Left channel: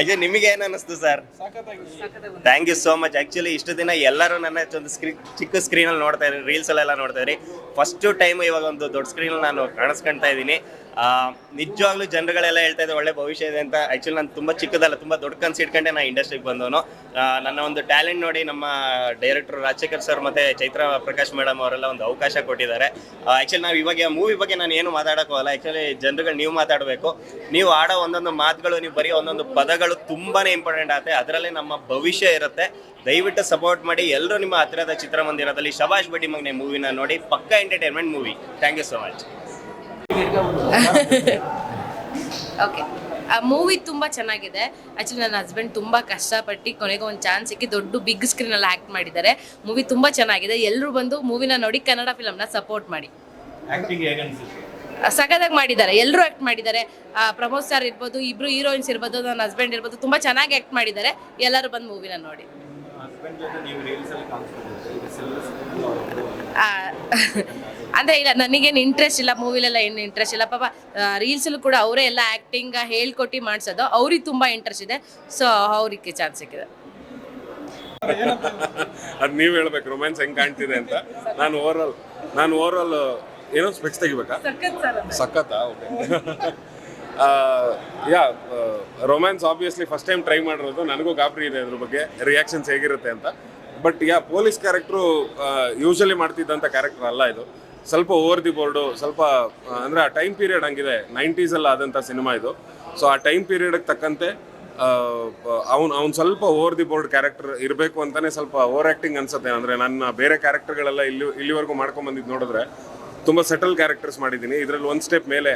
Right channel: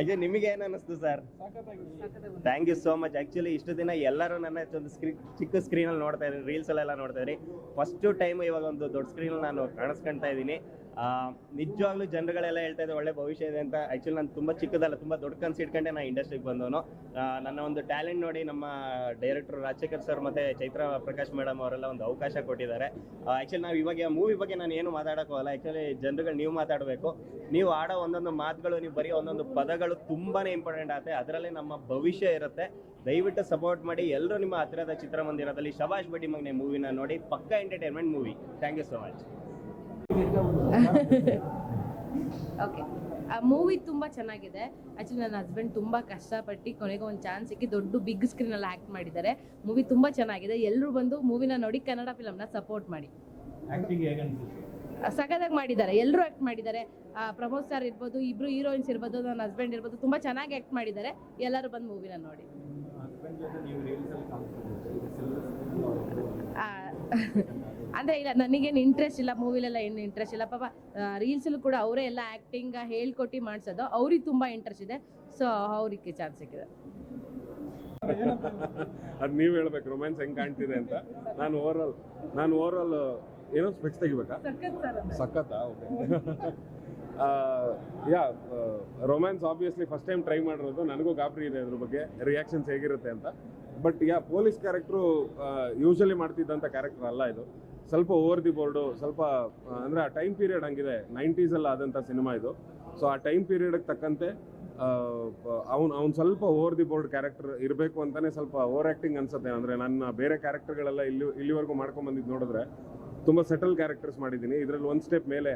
Actually ನಿಮಗೆ ಏನ್ ಅನಿಸ್ತು sir? Thank you so much actually ಇಷ್ಟು ದಿನ ಎಲ್ಲರೂ ನನ್ನ ಒಂದು ಸ್ಕ್ರೀನ್ ಚಿಕ್ಕ ಸ್ಕ್ರೀನಲ್ಲಿ ನೋಡ್ತಾ ಇದ್ರಿ ರೀಲ್ಸ್ ಎಲ್ಲ ನೋಡ್ತಾ ಇದ್ರಿ. ಫಸ್ಟ್ ಟೈಮ್ ಇವಾಗ ಒಂದು ದೊಡ್ಡ ಸ್ಕ್ರೀನ್ ನಾನು ಕಾಣಿಸ್ಕೊಂತ ಇದ್ದೀನಿ. ನಿಜವಾಗ್ಲೂ ಜನರುಗಳೆಲ್ಲ ಹೇಳ್ತಾ ಇದ್ದಾರೆ, ಒಳ್ಳೆ ಭವಿಷ್ಯ ಇದೆ ಅಂತ. ಆಕ್ಚುಲಿ ನಾನು ತುಂಬಾ ಚಿಕ್ಕದಲ್ಲ, ತುಂಬಾ ದೊಡ್ಡ ಕನ್ಸು ಇಟ್ಕೊಂಡೆ ನಾನು ಇಂಡಸ್ಟ್ರಿಗೆ ಬಂದವನು. ನನ್ನ ಒಂದು ಟ್ಯಾಲೆಂಟ್ ನೋಡಿ ನಮ್ಮ ಡೈರೆಕ್ಟರ್ ರಾಜಶೇಖರ್ ಸರ್ ಮತ್ತೆ ಚೈತ್ರ ಪ್ರಕಾಶ್ ಮೇಡಮ್ ಅವರೆಲ್ಲ ಒಂದು ಅವಕಾಶ ಕೊಟ್ಟಿದ್ದಾರೆ. ಆಕ್ಚುಲಿ ನಾವು ಇವಾಗ ಮೂವಿ ಬಗ್ಗೆ ನಾನು ಏನು ಮಾತಾಡೋಕ್ಕೋಗಲ್ಲ ಆಕ್ಚುಲಿ ಜನರುಗಳು ನೀವು ಮಾತಾಡಬೇಕು. ನೀವು ಆಡೋ ಒಂದೊಂದು ಮಾತುಗಳು, ನೀವು ಬರೀ ಒಂದೊಂದು ಪದಗಳು ತುಂಬಾನೇ ಇಂಪಾರ್ಟೆಂಟ್ ಆಗುತ್ತೆ. ಅದರಲ್ಲಿ ನಮ್ಮ ಭವಿಷ್ಯ ಇರುತ್ತೆ. ದಯವಿಟ್ಟು ಸಪೋರ್ಟ್ ಮಾಡಿ ಎಲ್ಲರೂ ನಿಮ್ಮ ಹತ್ತಿರದ ಚಿತ್ರಮಂದಿರದಲ್ಲಿ ಶಬಾಷ್ ಬಡ್ಡಿ ಮಗ್ನೆ ಮೂವಿನ ನೋಡಿ. ಪಕ್ಕಾ entertainment movie thank you so much okay ಆ ಮೂವಿ ತುಂಬ ಚೆನ್ನಾಗಿದೆ. ಆ್ಯಕ್ಚುಲಿ ನನ್ನ ಹಸ್ಬೆಂಡ್ ತುಂಬ ಕಷ್ಟಪಟ್ಟು ಕೊನೆಗೆ ಒಂದು ಚಾನ್ಸ್ ಸಿಕ್ಕಿ ದೊಡ್ಡ ಬಿಗ್ ಸ್ಕ್ರೀನಲ್ಲಿ ಆ್ಯಕ್ಟ್ ಮಾಡಿದ್ದಾರೆ. ಮೂವಿ ತುಂಬ ಚೆನ್ನಾಗಿದೆ. ಎಲ್ಲರೂ ಬಂದು ಮೂವಿನ ನೋಡಿ ಕನ್ನಡ ಫಿಲಮ್ನ ಸಪೋರ್ಟ್ ಮಾಡಿ. ಸಖತ್ತಾಗಿ ಮಾಡಿದ್ದಾರೆ. ಎಲ್ಲರೂ ಆ್ಯಕ್ಟ್ ಮಾಡಿದ್ದಾರೆ. ಆ, ಪ್ರಮೋದ್ ಸರ್ ಇರ್ಬೋದು ಇಬ್ರು ಹೀರೋಯಿನ್ಸ್ ಇರ್ಬೋದು ನನ್ನ ಹಸ್ಬೆಂಡ್ ಇರ್ಬೋದು ತುಂಬ ಚೆನ್ನಾಗಿ ಆ್ಯಕ್ಟ್ ಮಾಡಿದ್ದಾರೆ. ಎಲ್ಲರೂ ಬಂದು ಮೂವಿನ ನೋಡಿ. ಆ, ಅಂದ್ರೆ ಇಲ್ಲ ನನಗೇನು ಇಂಟ್ರೆಸ್ಟ್ ಇಲ್ಲ ಮೂವಿಲೆಲ್ಲ ಏನು ಇಂಟ್ರೆಸ್ಟ್ ಇಲ್ಲ. ಪಾಪ ರೀಲ್ಸಲ್ಲೂ ಕೂಡ ಅವರೇ ಎಲ್ಲ ಆ್ಯಕ್ಟಿಂಗ್ ಹೇಳ್ಕೊಟ್ಟು ಮಾಡಿಸೋದು ಅವ್ರಿಗೆ ತುಂಬ ಇಂಟ್ರೆಸ್ಟ್ ಇದೆ. ಸೊ ಅವ್ರಿಗೆ ಚಾನ್ಸ್ ಸಿಕ್ಕಿದೆ. ಅದು ನೀವು ಹೇಳ್ಬೇಕು ರೊಮ್ಯಾನ್ಸ್ ಹೆಂಗ್ ಕಾಣ್ತಿದೆ ಅಂತ. ನಾನು ಓವರ್ ಆಲ್ ನಾನು ಓವರ್ ಆಲ್ ಏನೋ ಸ್ಪೆಕ್ಸ್ ತೆಗಿಬೇಕಾ ಸಖತ್ತಾ? Okay yeah romance obviously first time try ಮಾಡಿರೋದು ನನಗೂ ಗಾಬರಿ ಇದೆ ಅದ್ರ ಬಗ್ಗೆ ರಿಯಾಕ್ಷನ್ಸ್ ಹೇಗಿರುತ್ತೆ ಅಂತ. But yeah police character usually ಮಾಡ್ತಿದ್ದಂಥ character ಅಲ್ಲ ಇದು. ಸ್ವಲ್ಪ ಓವರ್ ದಿ ಬೋರ್ಡು ಸ್ವಲ್ಪ ಅಂದರೆ ಆ ಟೈಮ್ ಪೀರಿಯಡ್ ಹಂಗಿದೆ. ನೈಂಟೀಸಲ್ಲಿ ಆದಂಥ ಸಿನಿಮಾ ಇದು. ಸೊ ಆ ಟೈಮ್ ಪೀರಿಯಡ್ಗೆ ತಕ್ಕಂತೆ ಅವ್ನು ಅವ್ನು ಸ್ವಲ್ಪ ಓವರ್ ದಿ ಬೋರ್ಡ್ ಕ್ಯಾರೆಕ್ಟರ್ ಇರಬೇಕು ಅಂತಲೇ ಸ್ವಲ್ಪ ಓವರ್ ಆ್ಯಕ್ಟಿಂಗ್ ಅನ್ಸುತ್ತೆ. ಅಂದರೆ ನನ್ನ ಬೇರೆ ಕ್ಯಾರೆಕ್ಟರ್ಗಳೆಲ್ಲ ಇಲ್ಲಿ, ಇಲ್ಲಿವರೆಗೂ ಮಾಡ್ಕೊಂಬಂದಿದ್ದು ನೋಡಿದ್ರೆ ತುಂಬ ಸೆಟಲ್ ಕ್ಯಾರೆಕ್ಟರ್ಸ್ ಮಾಡಿದ್ದೀನಿ. ಇದರಲ್ಲಿ ಒಂದು ಸ್ಟೆಪ್ ಮೇಲೆ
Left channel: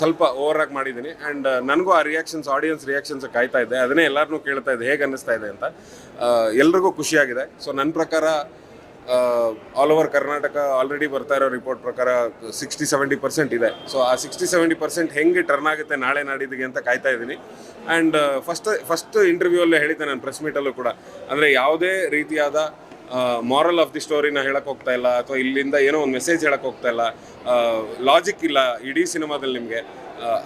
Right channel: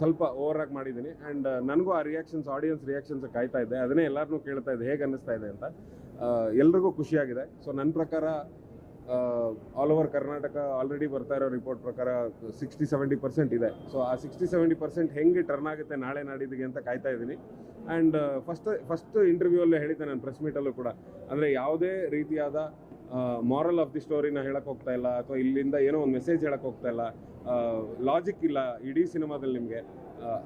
ಸ್ವಲ್ಪ ಓವರ್ ಆಗಿ ಮಾಡಿದ್ದೀನಿ. ಆ್ಯಂಡ್ ನನಗೂ ಆ ರಿಯಾಕ್ಷನ್ಸ್ ಆಡಿಯನ್ಸ್ ರಿಯಾಕ್ಷನ್ಸ್ ಕಾಯ್ತಾ ಇದ್ದೆ ಅದನ್ನೇ ಎಲ್ಲರನ್ನೂ ಕೇಳ್ತಾ ಇದ್ದೆ ಹೇಗೆ ಅನ್ನಿಸ್ತಾ ಇದೆ ಅಂತ ಎಲ್ರಿಗೂ ಖುಷಿಯಾಗಿದೆ. ಸೊ ನನ್ನ ಪ್ರಕಾರ ಆಲ್ ಓವರ್ ಕರ್ನಾಟಕ ಆಲ್ರೆಡಿ ಬರ್ತಾ ಇರೋ ರಿಪೋರ್ಟ್ ಪ್ರಕಾರ ಸಿಕ್ಸ್ಟಿ ಸೆವೆಂಟಿ ಪರ್ಸೆಂಟ್ ಇದೆ. ಸೊ ಆ ಸಿಕ್ಸ್ಟಿ ಸೆವೆಂಟಿ ಪರ್ಸೆಂಟ್ ಹೆಂಗೆ ಟರ್ನ್ ಆಗುತ್ತೆ ನಾಳೆ ನಾಡಿದ್ದಿಗೆ ಅಂತ ಕಾಯ್ತಾ ಇದ್ದೀನಿ. ಆ್ಯಂಡ್ ಫಸ್ಟ್ ಫಸ್ಟ್ ಇಂಟರ್ವ್ಯೂವಲ್ಲೇ ಹೇಳಿದ್ದೆ ನಾನು ಪ್ರೆಸ್ ಮೀಟಲ್ಲೂ ಕೂಡ. ಅಂದರೆ ಯಾವುದೇ ರೀತಿಯಾದ ಮಾರಲ್ ಆಫ್ ದಿ ಸ್ಟೋರಿನ ಹೇಳಕ್ಕೆ ಹೋಗ್ತಾ ಇಲ್ಲ, ಅಥವಾ ಇಲ್ಲಿಂದ ಏನೋ ಒಂದು ಮೆಸೇಜ್ ಹೇಳಕ್ಕೆ ಹೋಗ್ತಾ ಇಲ್ಲ ಲಾಜಿಕ್ ಇಲ್ಲ ಇಡೀ ಸಿನಿಮಾದಲ್ಲಿ ನಿಮಗೆ.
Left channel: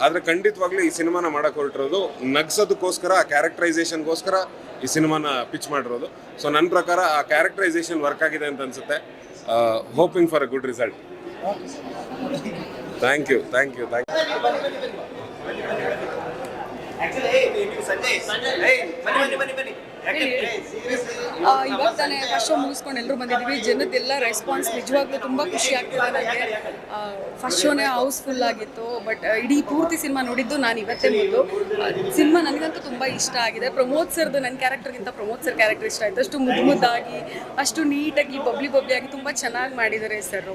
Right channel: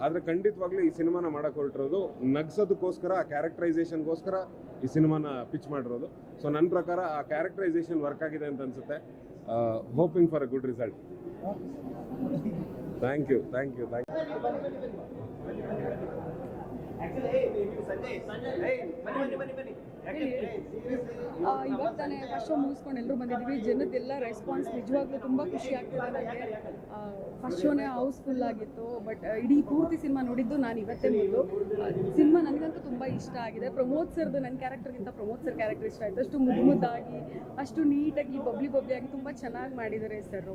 ಆದರೆ ಖಂಡಿತವಾಗ್ಲೂ ಈ ಸಿನಿಮಾನ ಮಾಡಕ್ಕೆ ಹೊರಟಿರೋದು ನಗ್ಸೋದಕ್ಕೋಸ್ಕರ ಆ ಕ್ಯಾರೆಕ್ಟರೈಸೇಷನ್ಗೋಸ್ಕರ ಈ ಸಿನಿಮಾನ ಪಿಚ್ ಮಾಡಿರೋದು. ಸೊ ನನ್ನ ಪ್ರಕಾರ ಆ ಕ್ಯಾರೆಕ್ಟರೈಸೇಷನ್ ವರ್ಕ್ ಆಗಿದೆ ಅಂತ ಅನ್ಸುತ್ತೆ. Hoping for a good result thank you thank you thank ಆ, ಇವಾಗ ತಾನೇ ಫಸ್ಟ್ ಶೋ ಮುಗಿಸ್ಕೊಂಡು ಎಲ್ಲರೂ ಬಂದಿದ್ದೀವಿ ಜನದ್ದೆಲ್ಲ ರೆಸ್ಪಾನ್ಸ್ ನಿಜವಾಗ್ಲೂ ತುಂಬ ಖುಷಿ ಆಗ್ತಿದೆ ನನಗೆ ಫಸ್ಟ್ ಶೋನೇ ಹೌಸ್ಫುಲ್ ಆಗಿತ್ತು ಬಟ್ ಇಡೀ ಪೂರ್ತಿ ಸಿನಿಮಾ ನೋಡಿದ್ದು ನಾನು ಇವತ್ತೇ ಮೊದಲು ಸಿನಿಮಾ ನನಗಂತೂ ತುಂಬ ಇಷ್ಟ ಆಗಿದೆ. ಪ್ರಮೋದ್ ಸರ್ದು ನನ್ನ ಕ್ಯಾರೆಕ್ಟರ್ಗಿಂತ ಪ್ರಮೋದ್ ಸರ್ ಕ್ಯಾರೆಕ್ಟರ್ ಇಷ್ಟ ಆಯಿತು. ಅಷ್ಟು ಮುದ್ದು ಮುದ್ದಾಗಿ ಅಷ್ಟು ನೀಟಾಗಿ ಬಬ್ಲಿ ಬಬ್ಲಿ ಆಗಿ ತುಂಬ ಚೆನ್ನಾಗಿ ಮಾಡಿದ್ದಾರೆ ಸರ್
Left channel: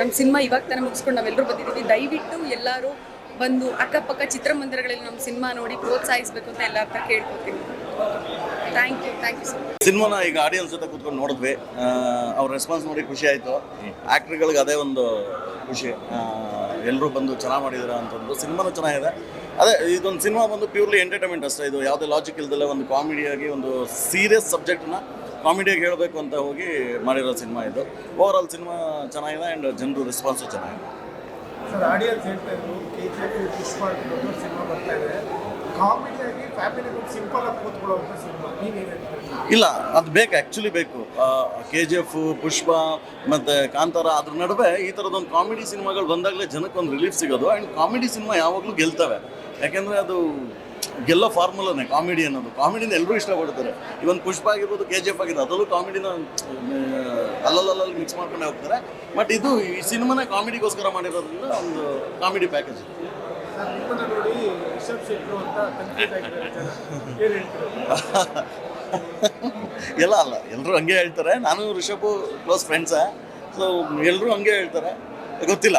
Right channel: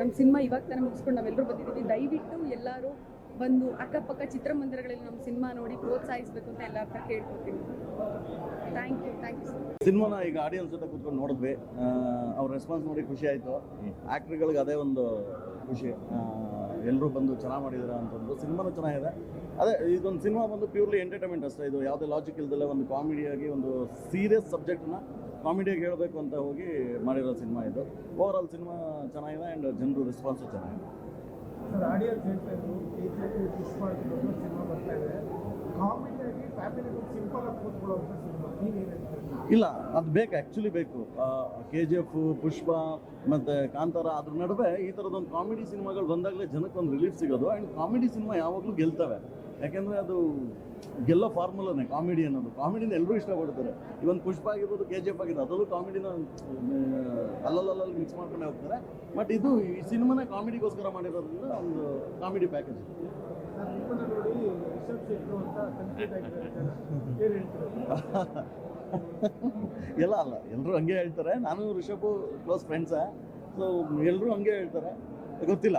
ನಮ್ಮ ಸಿನಿಮಾ ಇವಾಗ ತಾನೇ ಮುಗಿಸ್ಕೊಂಡು ನಾವೆಲ್ಲರೂ ಬಂದಿದ್ದೀವಿ ದಯವಿಟ್ಟು ಎಲ್ಲರೂ ಬಂದು ಅಕ್ಕಪಕ್ಕ ಚಿತ್ರಮಂದಿರಗಳಲ್ಲಿ ನಮ್ಮ ಸಿನಿಮಾ ನೋಡಿ ಪ್ರೋತ್ಸಾಹಿಸಬೇಕು ಅಂತ ಎಲ್ಲ ಹತ್ರ ಕೇಳ್ಕೊತೀನಿ. Thank you thank you sir ಸಿನಿಮಾನ ಈಗ ಆಡಿಯನ್ಸ್ ಜೊತೆ ಕೂತ್ಕೊಂಡು ನೋಡಿದ್ವಿ. ಅವ್ರ ರೆಸ್ಪಾನ್ಸ್ ನೋಡಿ ಖುಷಿ ಆಯಿತು. ಆ್ಯಕ್ಟ್ರ್ಗಳಿಗೆ ಅದೇ ಒಂದು ಖುಷಿ. ಎಲ್ಲರೂ ಬಂದು ಚೆನ್ನಾಗಿ ಮಾಡಿದಾರೆ ಅಂತಂದು ಸಿನಿಮಾನು ಚೆನ್ನಾಗಿದೆ. ಅದೇ ಇದೊಂದು ಸಿನಿಮಾ ಬಂದು ಪ್ಯೂರ್ಲಿ ಎಂಟರ್ಟೈನ್ಮೆಂಟ್ ಅಷ್ಟೇ. ಇದು ಯಾವುದೇ ಲಾಜಿಕ್ ಇಲ್ದಲ್ಲೇ ಒಂದು ಕಾಮಿಡಿಯಾಗಿ ಒಂದು ಸೀರಿಯಸ್ ಸಬ್ಜೆಕ್ಟ್ನ ಕಾಮಿಡಿಯಾಗಿ ಹೇಳಬೇಕು ಅಂತ ಹೋಗಿ ಮಾಡಿರೋ ಸಿನಿಮಾ ಇದು. ಓವರ್ ಆಲ್ ಸಿನಿಮಾ ಚೆನ್ನಾಗಿದೆ ಆ್ಯಂಡ್ ಜನರು ರೆಸ್ಪಾನ್ಸು ಚೆನ್ನಾಗಿದೆ. ಸರ್ ಆಡಿಯನ್ಸ್ ಹೇಳ್ತಾ ಇದ್ರು ಕೆ ಜಿ ಎಫ್ ಪುಷ್ಪ ದೊಡ್ಡ ಸಿನಿಮಾ ಬರ್ತಾ ಇದೆ. ಇಲ್ಲ, ಅದು ಬೇಕು ಆ್ಯಕ್ಚುಲಿ ಬೇಕು. ಕೆ ಜಿ ಎಫ್ ಪುಷ್ಪ ಮತ್ತು ಕಾಂತಾರ ಅದ್ರ ನಡುವೆ ಈ ಥರದೊಂದು ಕಾಮಿಡಿ ಸಿನಿಮಾಗಳು ಬಂದಾಗಲೇ ಜನಕ್ಕೆ ಒಂದು ರಿಲೀಫ್ ಸಿಗೋದು. ಆ್ಯಂಡ್ ಕಾಮಿಡಿ ಸಿನಿಮಾ ಯಾವಾಗಲೂ ಗೆಲ್ತವೆ. ಯಾಕೆಂದರೆ ಅದು ಗೆಲ್ಲೋ ಫಾರ್ಮುಲಾನೇ ಕಾಮಿಡಿ ಅನ್ನೋದು. ಕಾಮಿಡಿನ ಎಲ್ಲರೂ ಇಷ್ಟಪಡ್ತಾರೆ. ಇವನ್ ಪುಷ್ಪ ಆಗಿರ್ಬೋದು ಕೆ ಜಿ ಎಫ್ ಆಗಿರ್ಬೋದು, ಅದರಲ್ಲೂ ಕಾಮಿಡಿನ ಅಲ್ಲಲ್ಲಲ್ಲಿ ಮಿಕ್ಸ್ ಮಾಡ್ಕೊಂಡೇ ಹೋಗ್ತಾರೆ. ಬಟ್ ಇದು ಈ ಸಿನಿಮಾನ ಕಾಮಿಡಿಗೋಸ್ಕರ ಮಾಡಿರೋದ್ರಿಂದ ಒಂದು ಕಾಮಿಡಿ ಪ್ಯಾಕೇಜ್ ಎಲ್ಲ ಅಲ್ಲ ಎಲ್ಲರೂ ಹಂಗೆ ಹೇಳ್ತಾರೆ. ನಾನು ರಿಷಬ್ ಕ್ಲೋಸ್ ಫ್ರೆಂಡ್ಸ ಸೊ ಎಲ್ಲರೂ ಹಂಗೆ ಹೇಳ್ತಾರೆ. ಗೊತ್ತಿಲ್ಲ.